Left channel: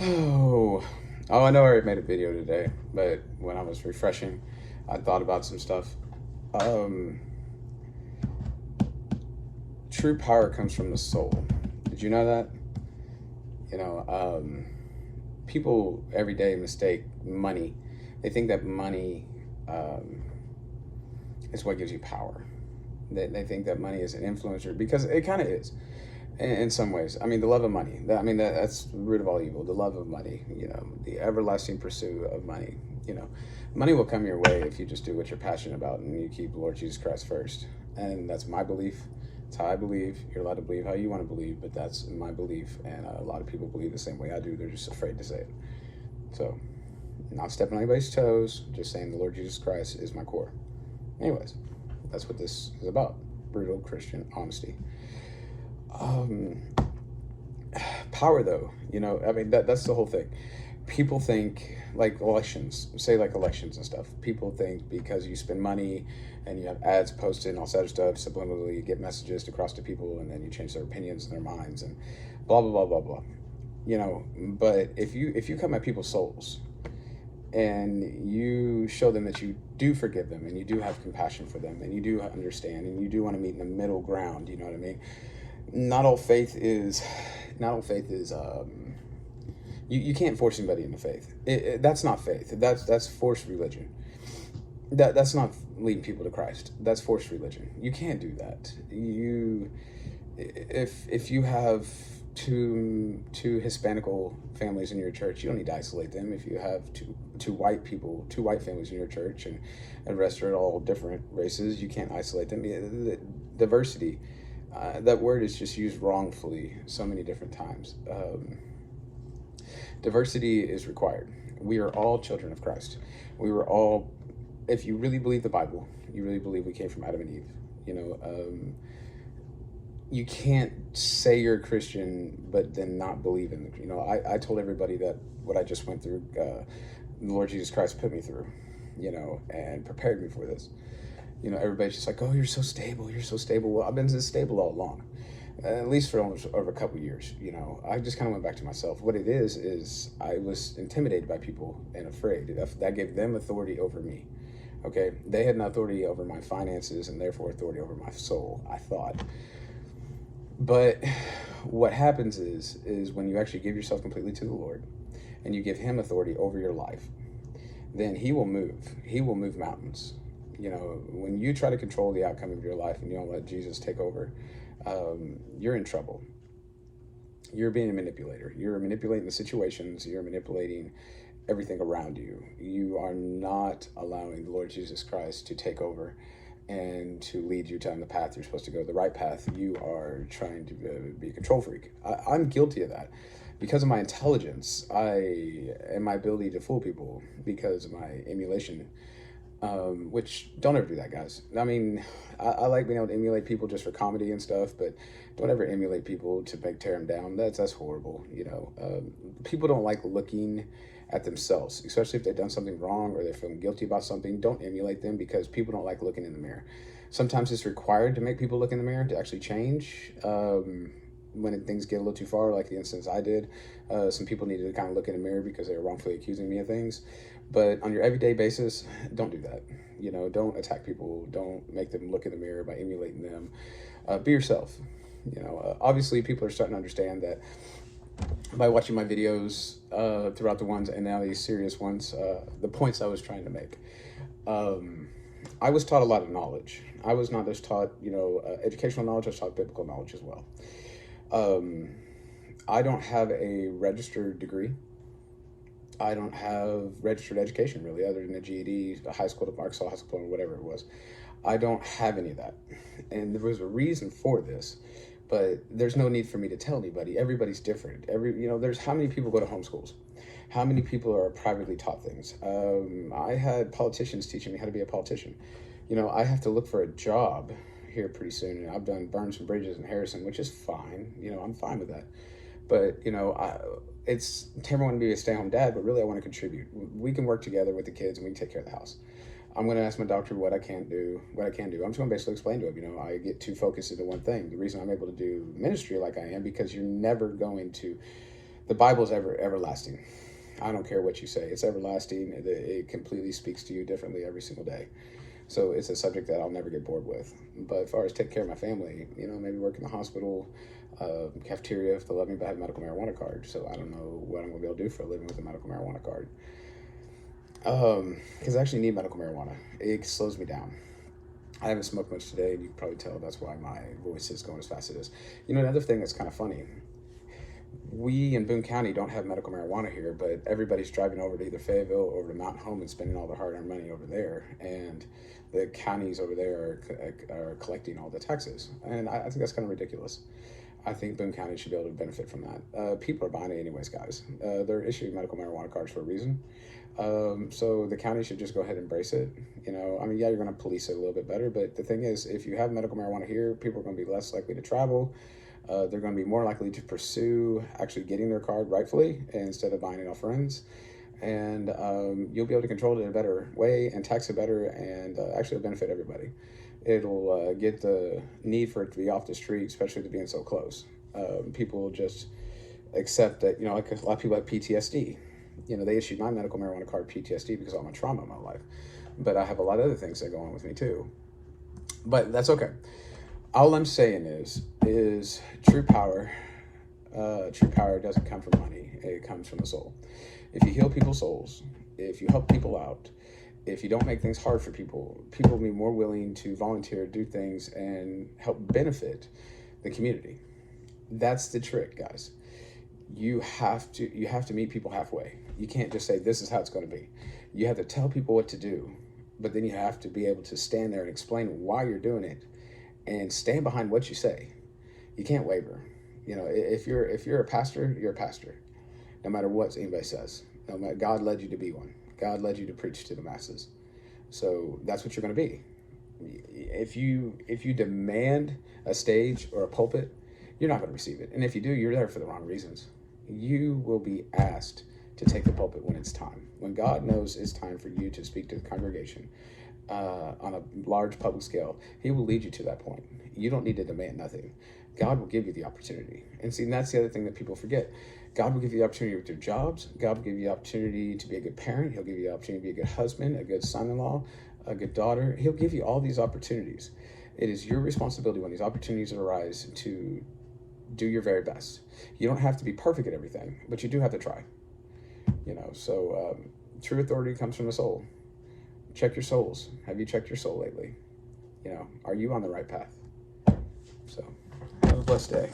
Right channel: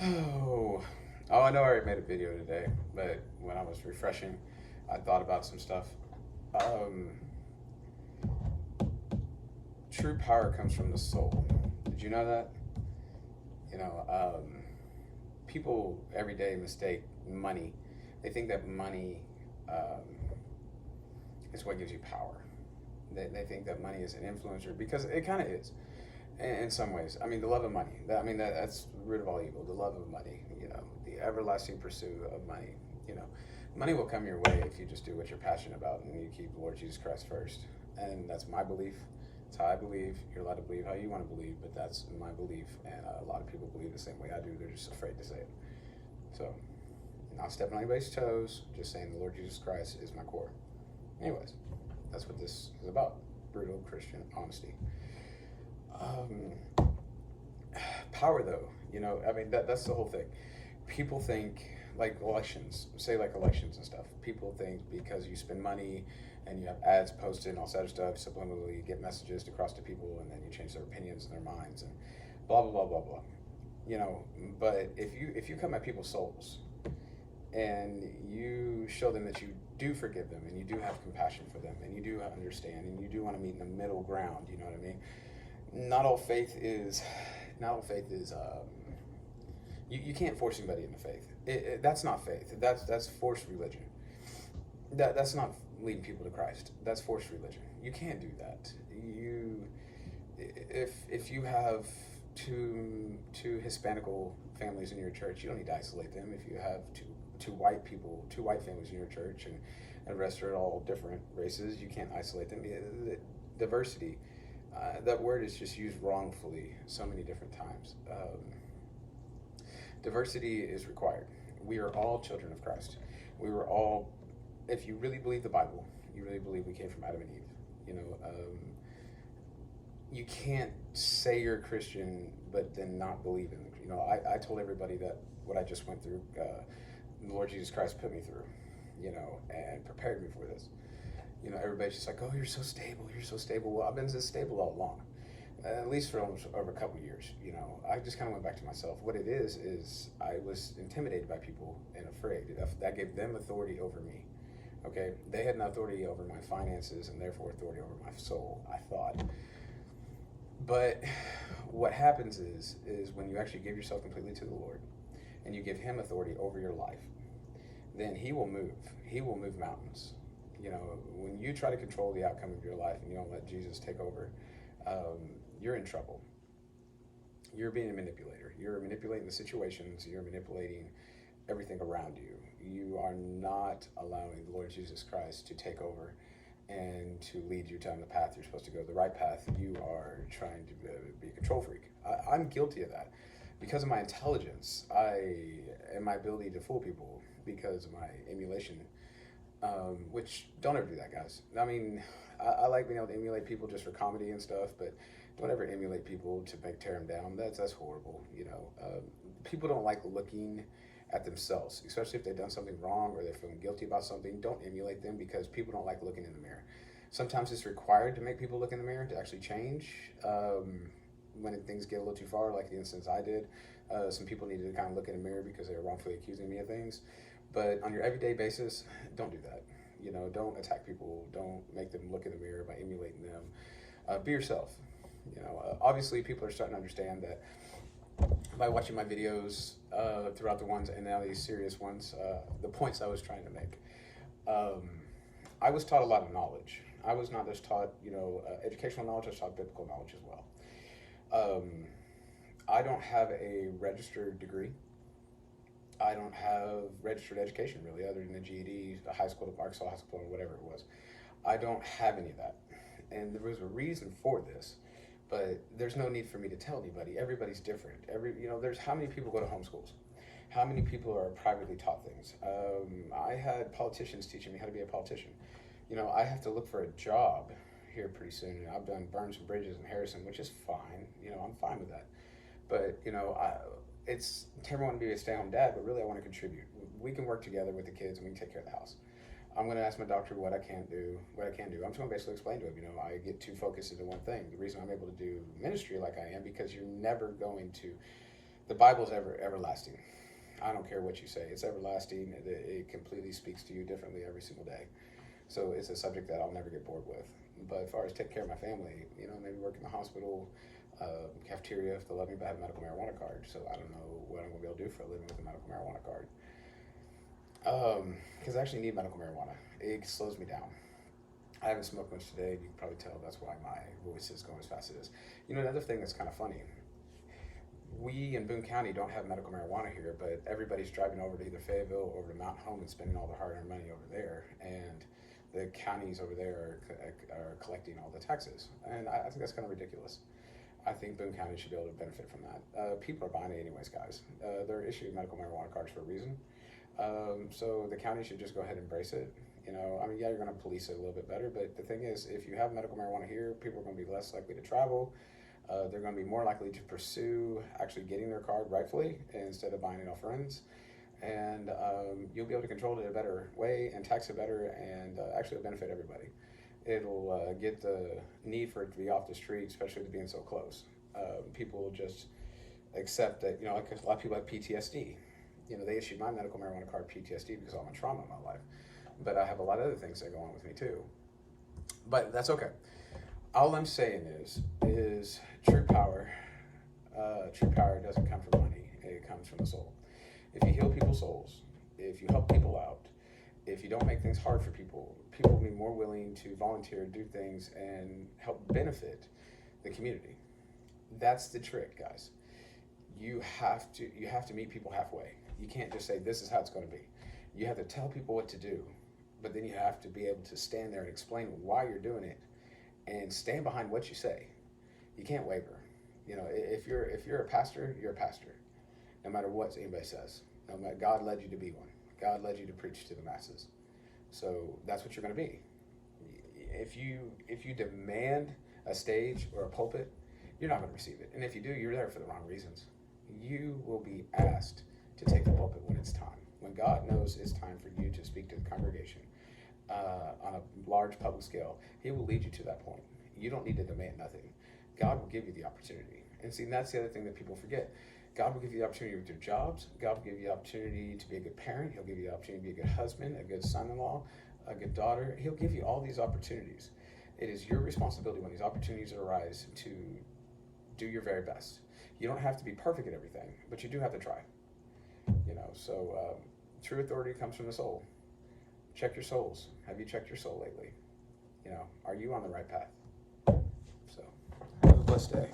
Oh, oh, I know I already made a video today, but when I was refreshing, I thought about some stuff. Um, True power comes from the soul. Did you know that? You know, people every day mistake money. They think that money um, is what gives you power. They think that money is an influencer because it kind of is in some ways. I mean, the love of money. That's the root of all evil. The love of money. You know, the everlasting pursuit of money. You know, money will come your way if you just do what you're passionate about and you keep Lord Jesus Christ first. And that's my belief. It's how I believe. You're allowed to believe how you want to believe, but that's my belief. And a lot of people believe the same way I do. They're just afraid to say it. So, not stepping on anybody's toes. Just saying the Lord Jesus Christ is my core. Anyways, that's what this is about. Brutal Christian honesty. Um, Power though, I mean that's the whole thing. People think like elections, say like elections and stuff. People think because you spend money and you have ads posted and all that stuff, subliminally you get messages across to people, and then you change their opinions and their minds and blah blah blah blah blah. But if you come at people's souls and you show them that you do forgive them and you do have compassion for them and you do understand and you do want to meet in the middle ground, you know what I mean? Not all faith is not all faith is you can't force anybody into faith. That's not faith. That's forced religion. That's not leading people to Christ. That's forced religion. You can't do that. If you have two Hispanical families in your church, you don't need to isolate them. If you have two white families in your church, and the rest are all different races, you can't isolate them. Diversity, that word is just used wrongfully so many different times. Diversity is required. We are all children of Christ. We were all, if you really believe the Bible, you really believe we came from Adam and Eve. You can't say you're a Christian but then not believe in it. I told everybody that what I just went through, the Lord Jesus Christ put me through, and prepared me for this. Everybody's just like, oh, you're so stable, you're so stable. Well, I've been this stable all along, at least for almost over a couple of years. I just kind of went back to myself. What it is I was intimidated by people and afraid. That gave them authority over me. Okay, they had an authority over my finances and therefore authority over my soul, I thought. But what happens is when you actually give yourself completely to the Lord and you give him authority over your life, then he will move. He will move mountains. When you try to control the outcome of your life and you don't let Jesus take over, you're in trouble. You're being a manipulator. You're manipulating the situations. You're manipulating everything around you. You are not allowing the Lord Jesus Christ to take over and to lead you down the path you're supposed to go, the right path. You are trying to be a control freak. I'm guilty of that because of my intelligence, and my ability to fool people, because of my emulation. Which, don't ever do that, guys. I mean, I like being able to emulate people just for comedy and stuff, but don't ever emulate people to tear them down. That's horrible. People don't like looking at themselves, especially if they've done something wrong or they're feeling guilty about something. Don't emulate them because people don't like looking in the mirror. Sometimes it's required to make people look in the mirror to actually change. When things get a little too far, like the instance I did, some people needed to kind of look in the mirror because they were wrongfully accusing me of things. But on your everyday basis, don't do that. Don't attack people. Don't make them look in the mirror by emulating them. Be yourself. Obviously, people are starting to understand that by watching my videos throughout the ones and now these serious ones, the points I was trying to make. I was taught a lot of knowledge. I was not just taught, educational knowledge. I was taught biblical knowledge as well. I don't have a registered degree. I don't have registered education really, other than a GED, a high school, Arkansas high school, or whatever it was. I don't have any of that, and there was a reason for this, but there's no need for me to tell anybody. Everybody's different. There's how many people go to homeschools, how many people are privately taught things. I had politicians teaching me how to be a politician. I have to look for a job here pretty soon, and I've done burned some bridges in Harrison, which is fine. I'm fine with that. But it's Tamara wanted to be a stay-at-home dad, but really I want to contribute. We can work together with the kids and we can take care of the house. I'm going to ask my doctor what I can do. I'm just going to basically explain to him, I get too focused into one thing. The reason I'm able to do ministry like I am, because you're never going to The Bible is everlasting. I don't care what you say. It's everlasting. It completely speaks to you differently every single day. So it's a subject that I'll never get bored with. But as far as take care of my family, maybe work in the hospital, cafeteria if they'll let me, but I have a medical marijuana card. So I don't know what I'm going to be able to do for a living with a medical marijuana card. Because I actually need medical marijuana. It slows me down. I haven't smoked much today, and you can probably tell that's why my voice is going as fast as it is. Another thing that's kind of funny, we in Boone County don't have medical marijuana here, but everybody's driving over to either Fayetteville or over to Mountain Home and spending all their hard-earned money over there, and the counties over there are collecting all the taxes, and I think that's kind of ridiculous. I think Boone County should be able to benefit from that. People are buying it anyways, guys. They're issuing medical marijuana cards for a reason. So the county should just go ahead and embrace it. Yeah, you're going to police it a little bit better, but the thing is, if you have medical marijuana here, people are going to be less likely to travel. They're going to be more likely to pursue actually getting their card rightfully instead of buying it off friends. And you'll be able to control it in a better way and tax it better, and actually it'll benefit everybody. It'll get the need for it to be off the street, especially to being so close. People will just accept that, like a lot of people have PTSD. They issued my medical marijuana card PTSD because of all my trauma in my life. But I have a lot of other things that go on with me too. But that's okay. All I'm saying is true power. True power doesn't come from money. It comes from the soul. If you heal people's souls, if you help people out, if you don't make things hard for people, people will be more willing to volunteer, do things, and help benefit the community. That's the trick, guys. You have to meet people halfway. You can't just say, this is how it's going to be. You have to tell people what to do, but then you have to be able to stand there and explain why you're doing it and stand behind what you say. You can't waver. If you're a pastor, you're a pastor. No matter what anybody says. No matter, God led you to be one. God led you to preach to the masses. So that's what you're going to be. If you demand a stage or a pulpit, you're not going to receive it. And if you do, you're there for the wrong reasons. You will be asked to take the pulpit when it's time. When God knows it's time for you to speak to the congregation on a large public scale, he will lead you to that point. You don't need to demand nothing. God will give you the opportunity. And see, that's the other thing that people forget. God will give you the opportunity with your jobs. God will give you the opportunity to be a good parent. He'll give you the opportunity to be a good husband, a good son-in-law, a good daughter. He'll give you all these opportunities. It is your responsibility when these opportunities arise to do your very best. You don't have to be perfect at everything, but you do have to try. So true authority comes from the soul. Check your souls. Have you checked your soul lately? Are you on the right path? So have a blessed day.